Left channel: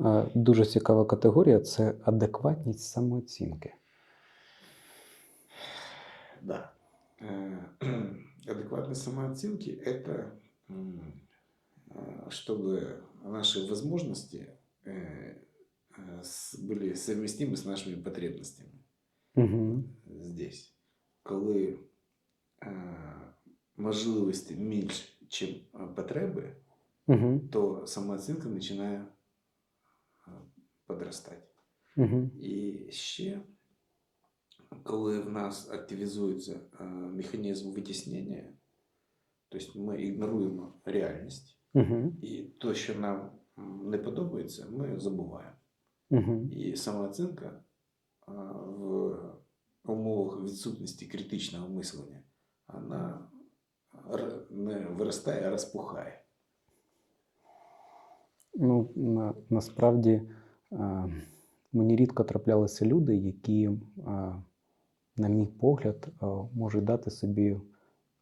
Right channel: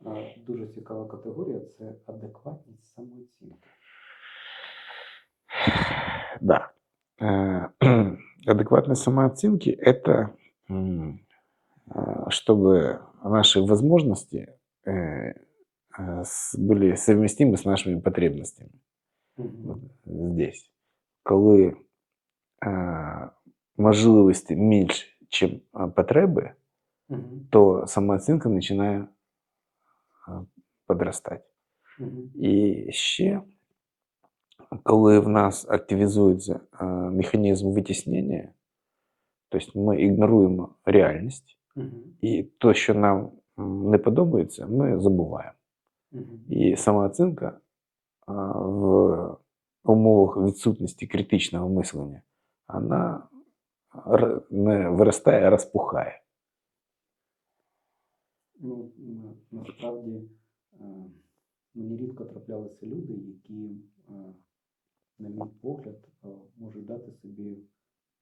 Е, Дуже цікава категорія це адекватність самооцінки. Да. Э, Адекватность самооценки – это м, а, чтобы наши возможности э, а, с- были совместимы с нашими потребностями Угу. здесь. Коли а, можливості менше, ніж потреби, Угу. то самооцінка починає а. Угу. І ще, коли в нас активізується а, механізм витіснення, тобто ми ігноруємо реальність, Угу. і то, що нам не подобається, ми забуваємо. Угу. І самооцінка в умовах відсутності критичного мислення, вона не виростає, а розпухає. Ну, на, насправді е, мені рідко траплялися люди, які, е, на мій погляд, е, можуть дати собі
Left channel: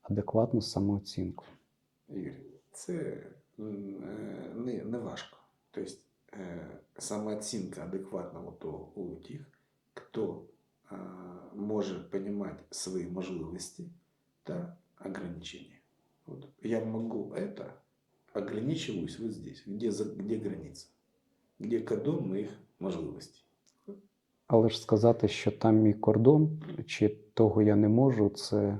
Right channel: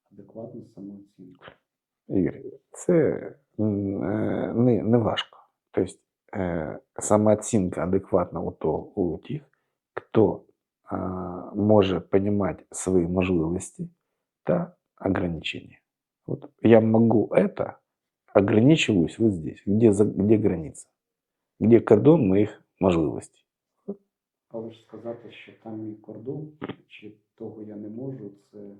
адекватну самооцінку. Ігор, це не, не важко. Тобто самооцінка адекватна у, то, у тих, хто а, може розуміти свої можливості та ограничения. Вот я могу это, ограничиваюсь вот здесь, где, где граница, где кордон моих можливостей. Але ж сказати, що там мій кордон, чи того я не можу, це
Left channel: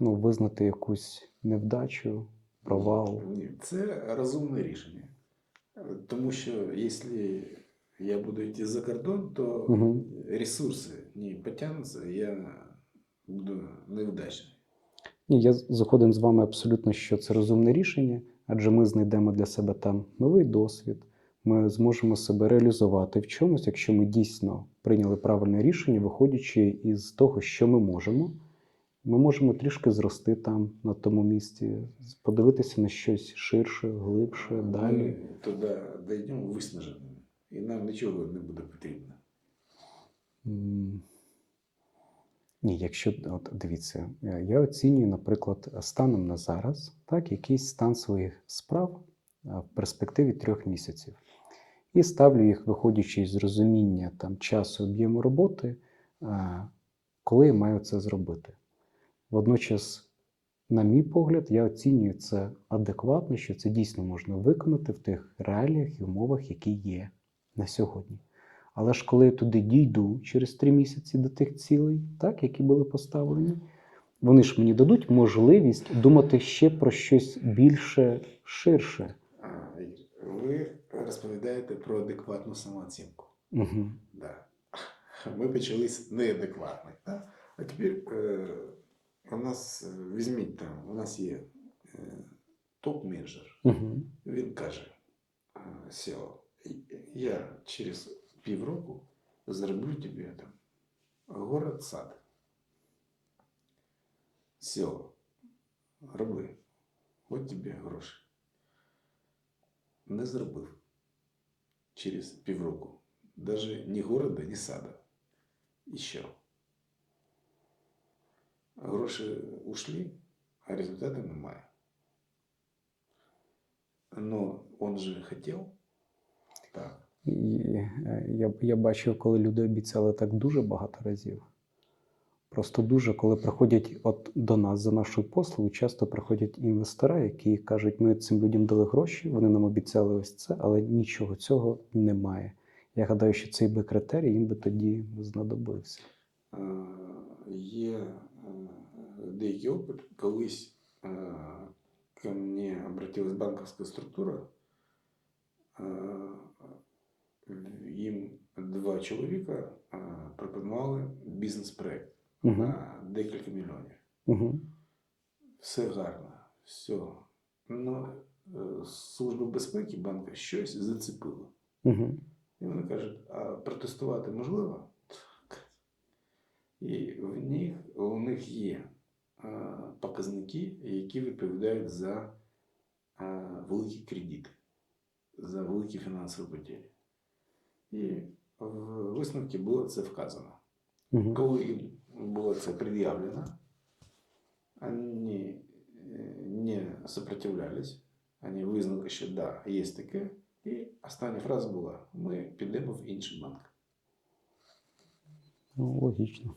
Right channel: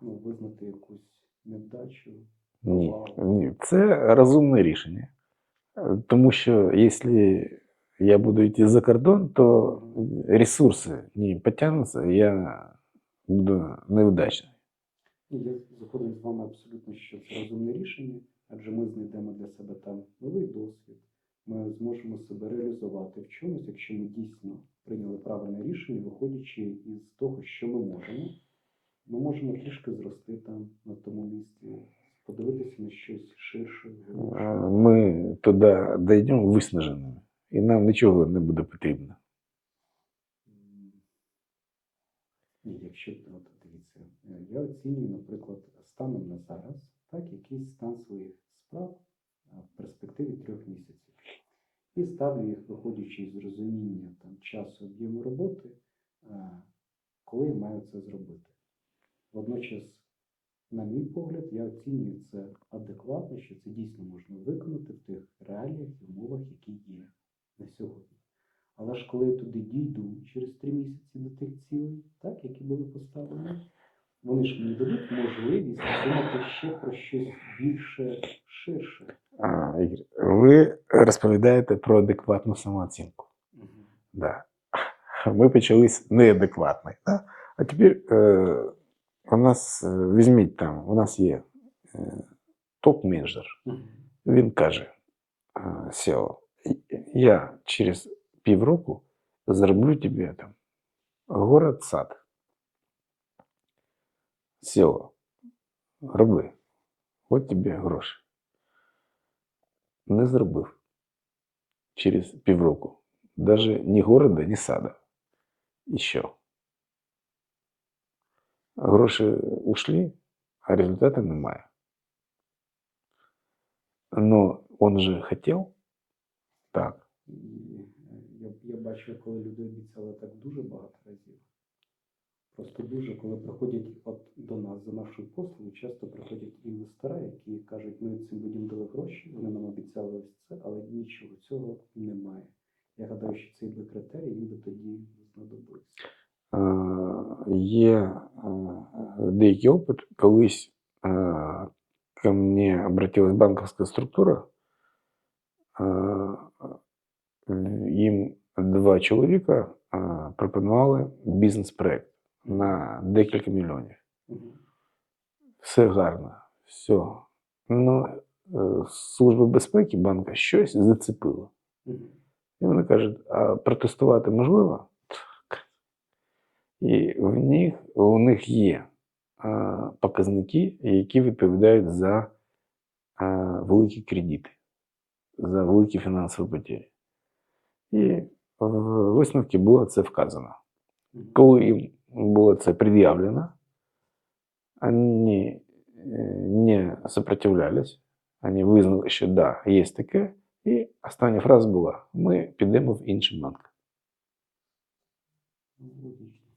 ну, визнати якусь невдачу, провал. ні, це розумне рішення. Тому що якщо я буду йти за кордон, то Мгм. ресурси не потягнуться, я буду невдачний. Ні, я згоден з вами абсолютно, що це розумне рішення, адже ми знайдемо для себе там новий досвід, ми зможемо себе реалізувати в чомусь, якщо ми дійсно прийняли правильне рішення, виходячи із того, що ми можемо. Ми можемо трішки зрости там, на тому місці, подивитися на щось ширше, глибше. Е, далі. Ми туди дійдемо виснаженими, і нам нічого не буде потрібно. Ні, якщо от дивіться, е, я оцінюю, наприклад, станом на зараз, так, якийсь стан своїх справ е, в перспективі трьох місяців. І ставлю їх, виходячи з розуміння там, часу об'єму роботи, е, коли я маю це зробити. Водночас, на мій погляд, я оцінюю це адекватно, що це дійсно можна виконати в тих реаліях і умовах, які є на сьогодні. Але ж коли я туди дійду через три місяці до тих цілей, так, які були поставлені, вони ж мені дадуть можливість думати ще про щось більше ширше. А, Ігор, ви розповідаєте про адекватну самооцінку. Угу. Да. Ми почали з неадекватної. Да? А тепер е, у нас, е, візьміть там, у нас є е, топ-менеджер. Угу. Він каже е, SEO, я через півроку зароблю тобі там город сад. SEO, роби. От тобі гроші. Не зробив через півроку. Даже ні города, ні сада. І що? Гроші ушли, а результату немає. Но он же хотел. Так. І е, я, я бачив, коли люди обіцяли так дуже багато разів. Просто дуже, коли приходять от до нас за нашою послугою, часто приходять інвестори, які кажуть, ми цим людям дали гроші, вони нам обіцяли ось це, але нічого цього немає. Я гадаю, що цей би критерій їм би тоді знадобився. Е, Є е, деякий опит. Колись ко мне обратилась банковська структура. Їм два чоловіка пропонували бізнес-проект Мгм. на декілька мільйонів. Угу. Все гарно, все. Ну, е, Служба безпеки банка щось зацепила. Угу. І вони кажуть, а протестувати можливо? І в них, у них є а, показники, які відповідають за а, великі кредити, за великі фінансові потері. І в висновці було це вказано. Угу. Коли їм було це пред'явлено, вони е, не сопротивлялись, вони визнали, що да, є таке, І остання фраза була: ми підемо в інший банк. Ну, логічно.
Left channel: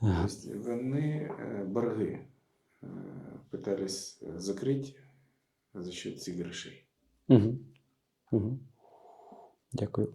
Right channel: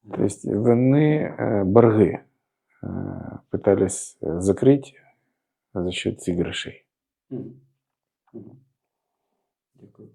Тобто вони е, борги е, пытались закрити за счет цих грошей. Угу. Угу. Дякую.